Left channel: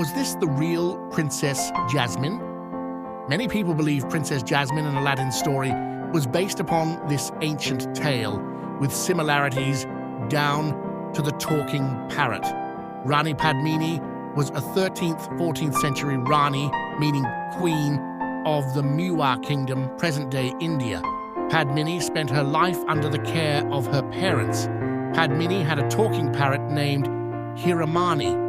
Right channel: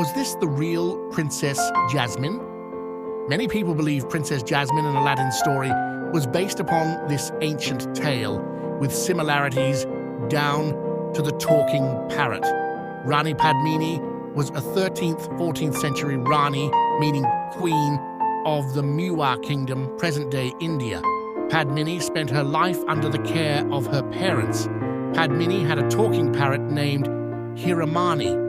Was this the real Princess Jasmine? Many people believe Princess Jasmine in Aladdin's story was based upon this ancient tale, with similarities down to the talking parrot. Rani Padmini was a 13th, 14th century Rani, meaning queen, of the Mewar kingdom, present-day India. Padmini spent her life under the care of her parents. Padmini had a talking parrot named Hiramani.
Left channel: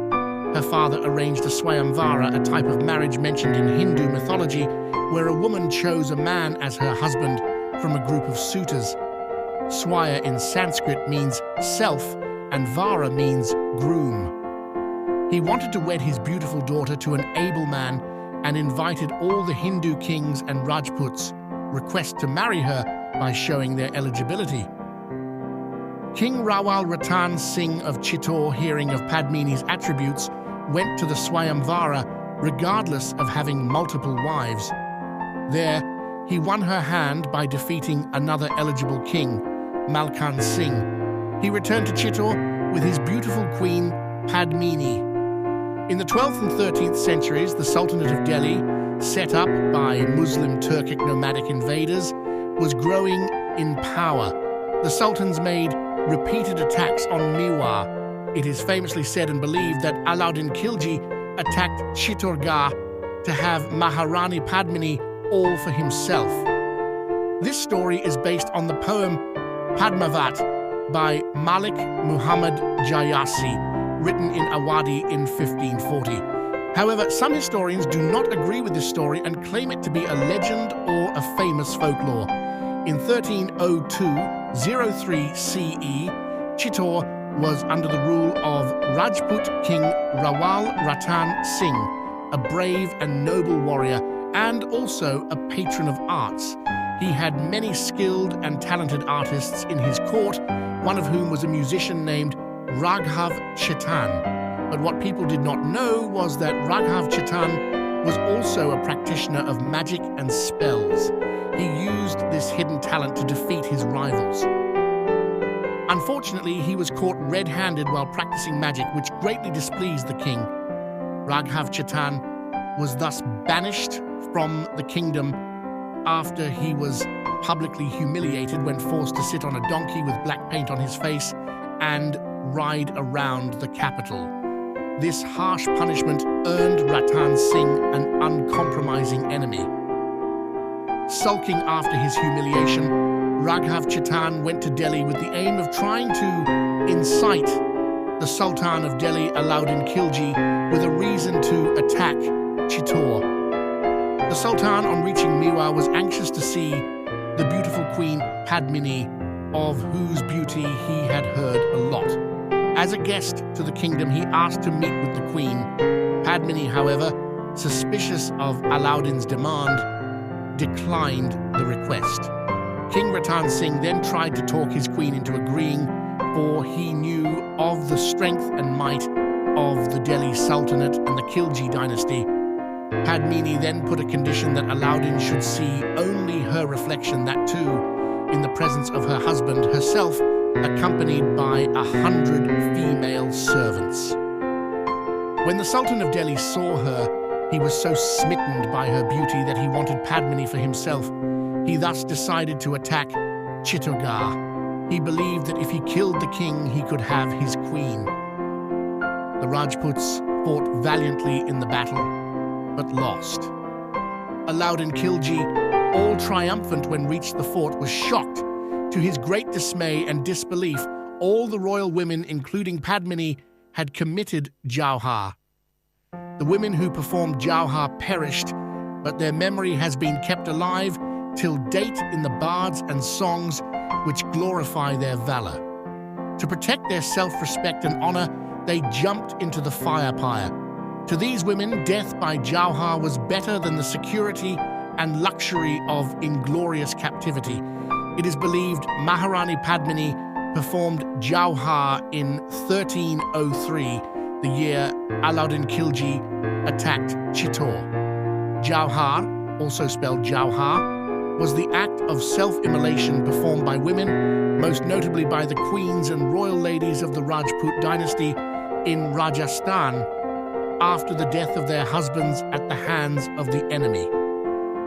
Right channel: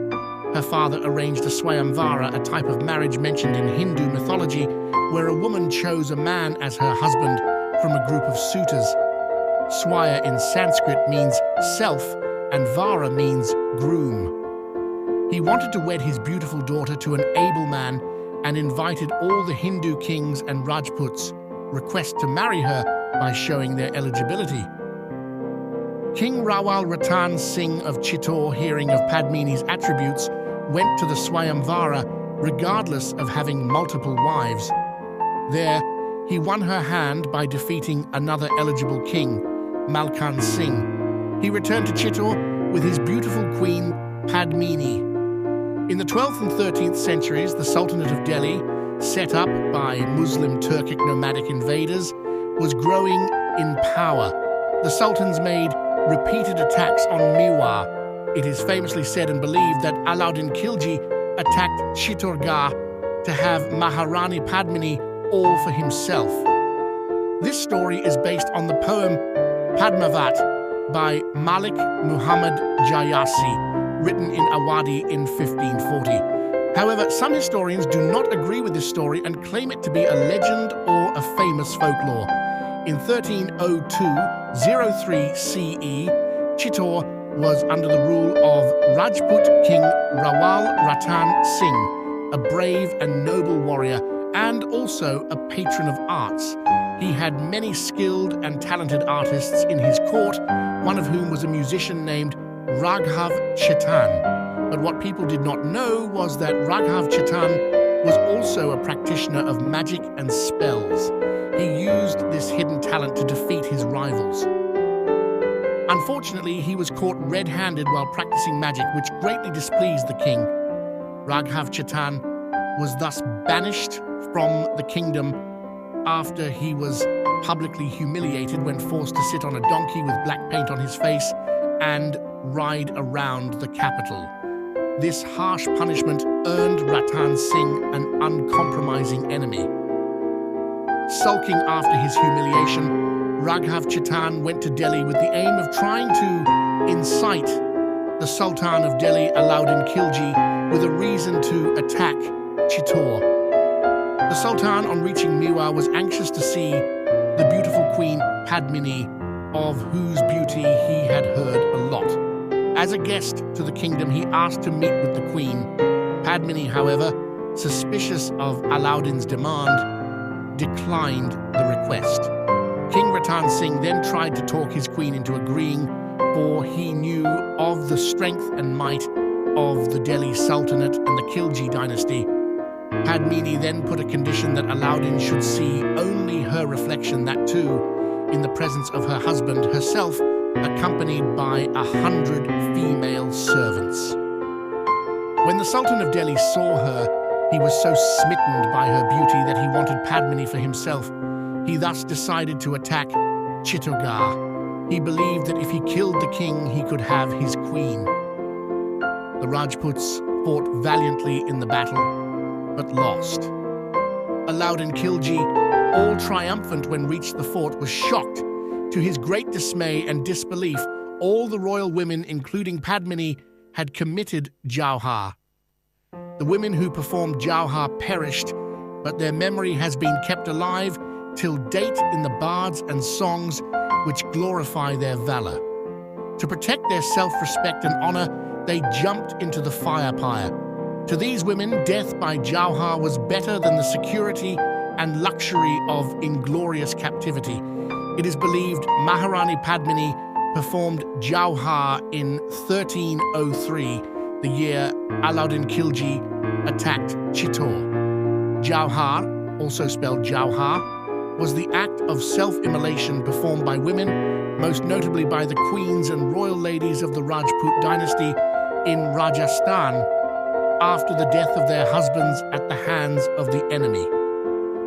Her father arranged a swayamvara, a type of marriage mentioned in Hindu mythology, where a woman chose a man as her husband from a group of suitors. Swaya in Sanskrit means self, and vara means groom. He wanted to wed his beautiful daughter to an able man and invited all the Hindu kings and Rajputs request to marry her by showing their eligibility. King Rawal Ratan Singh of Chittor, hearing of Padmini's attributes, went to the Swayamvara regardless of having multiple wives. There, he won her hand by defeating another eligible king, Malkan Singh. He returned to Chittor with his beautiful queen, Padmini. In the 12th and 13th centuries, the Sultanate of Delhi, set up by Muslim Turkic nomadic invaders, was growing in power. The sultans made repeated attacks on Mewar. It is famously said and believed that Aladdin Khilji attacked Chittorgarh to have Maharani Padmini all for himself. This story is based on the poem Padmavat by Malik Muhammad Jayasi, written in Awadhi in 1540. However, some historians do not agree with this story and claim it to be a legend or a famous folklore. In 1302-03 CE, Chittor was under the rule of Rajput King Rawal Ratan Singh, a brave and noble warrior and also a patron of arts. He had many skilled and talented artists in his court, one of whom was a musician named Raghav Chetan. But what people did not know was that Raghav Chetan was also a practitioner of magic and spells. He used this hidden talent to defeat his rivals. Unfortunately, he was caught red-handed while practicing magic, which greatly displeased the king. Raghav Chetan was thus banished from the kingdom after he was publicly humiliated when forced to sit on a donkey with black paint on his face and ride around the capital. This harsh punishment earned Ratan Singh an uncompromising enemy. Sulking after his humiliation, Raghav Chetan went to Delhi with the aim of trying to incite the Sultan of Delhi, Aladdin Khilji, with a reason to attack Chittor. The Sultan, on reaching Mewar, was anxious to see the beautiful queen Padmini, of whose beauty he had heard a lot. As a guest to the kingdom, he asked to meet with the queen. Padmini, however, suspicious of Aladdin's demand, declined the request. King Ratan Singh then tried to talk his queen into agreeing, for he knew of the strength and might of the Delhi Sultanate and the Khilji dynasty. Padmini then put a condition that Aladdin should see only her reflection, that too in the presence of her husband, herself accompanied by 100 female servants. When the Sultan of Delhi saw her, he was so smitten by her beauty that he wanted Padmini for himself. He thus decided to attack Chittorgarh. He believed that if he killed the king, he could have his queen. The Rajputs fought valiantly in the battle, but lost. Aladdin Khilji, all triumphant when reached the fort, was shocked. To his great dismay and disbelief, all the royal women, including Padmini, had committed Jauhar. The women who performed Jauhar perished, but their memory has been kept alive till date in the bards and songs which glorify their valor. To protect their self-respect and honor, they jumped into the fire pyre. To these women, death by Jauhar was better than the security and luxury of inglorious captivity. It is believed Maharani Padmini performed Jauhar in 1303, the year Aladdin Khilji attacked Chittor. Jauhar, also spelled Jauhar, was the act of self-immolation performed by women, most notably by the queens and royal ladies of the Rajput dynasty in Rajasthan. after the death of their husbands at the hands of the enemy.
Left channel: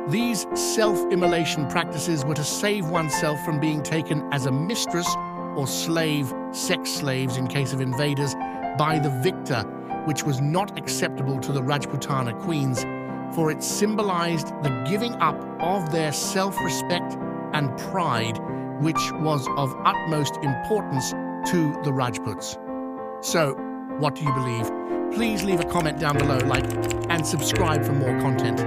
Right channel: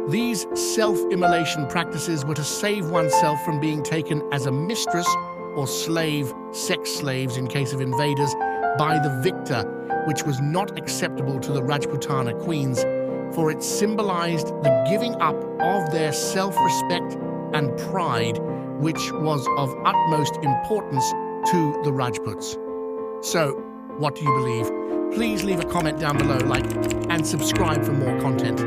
These self-immolation practices were to save oneself from being taken as a mistress or slave, sex slaves in case of invaders, by the victor, which was not acceptable to the Rajputana queens, for it symbolized the giving up of their self-respect and pride, which was of utmost importance to the Rajputs. So, what do you believe? Please leave a comment down below, like, and subscribe for more content.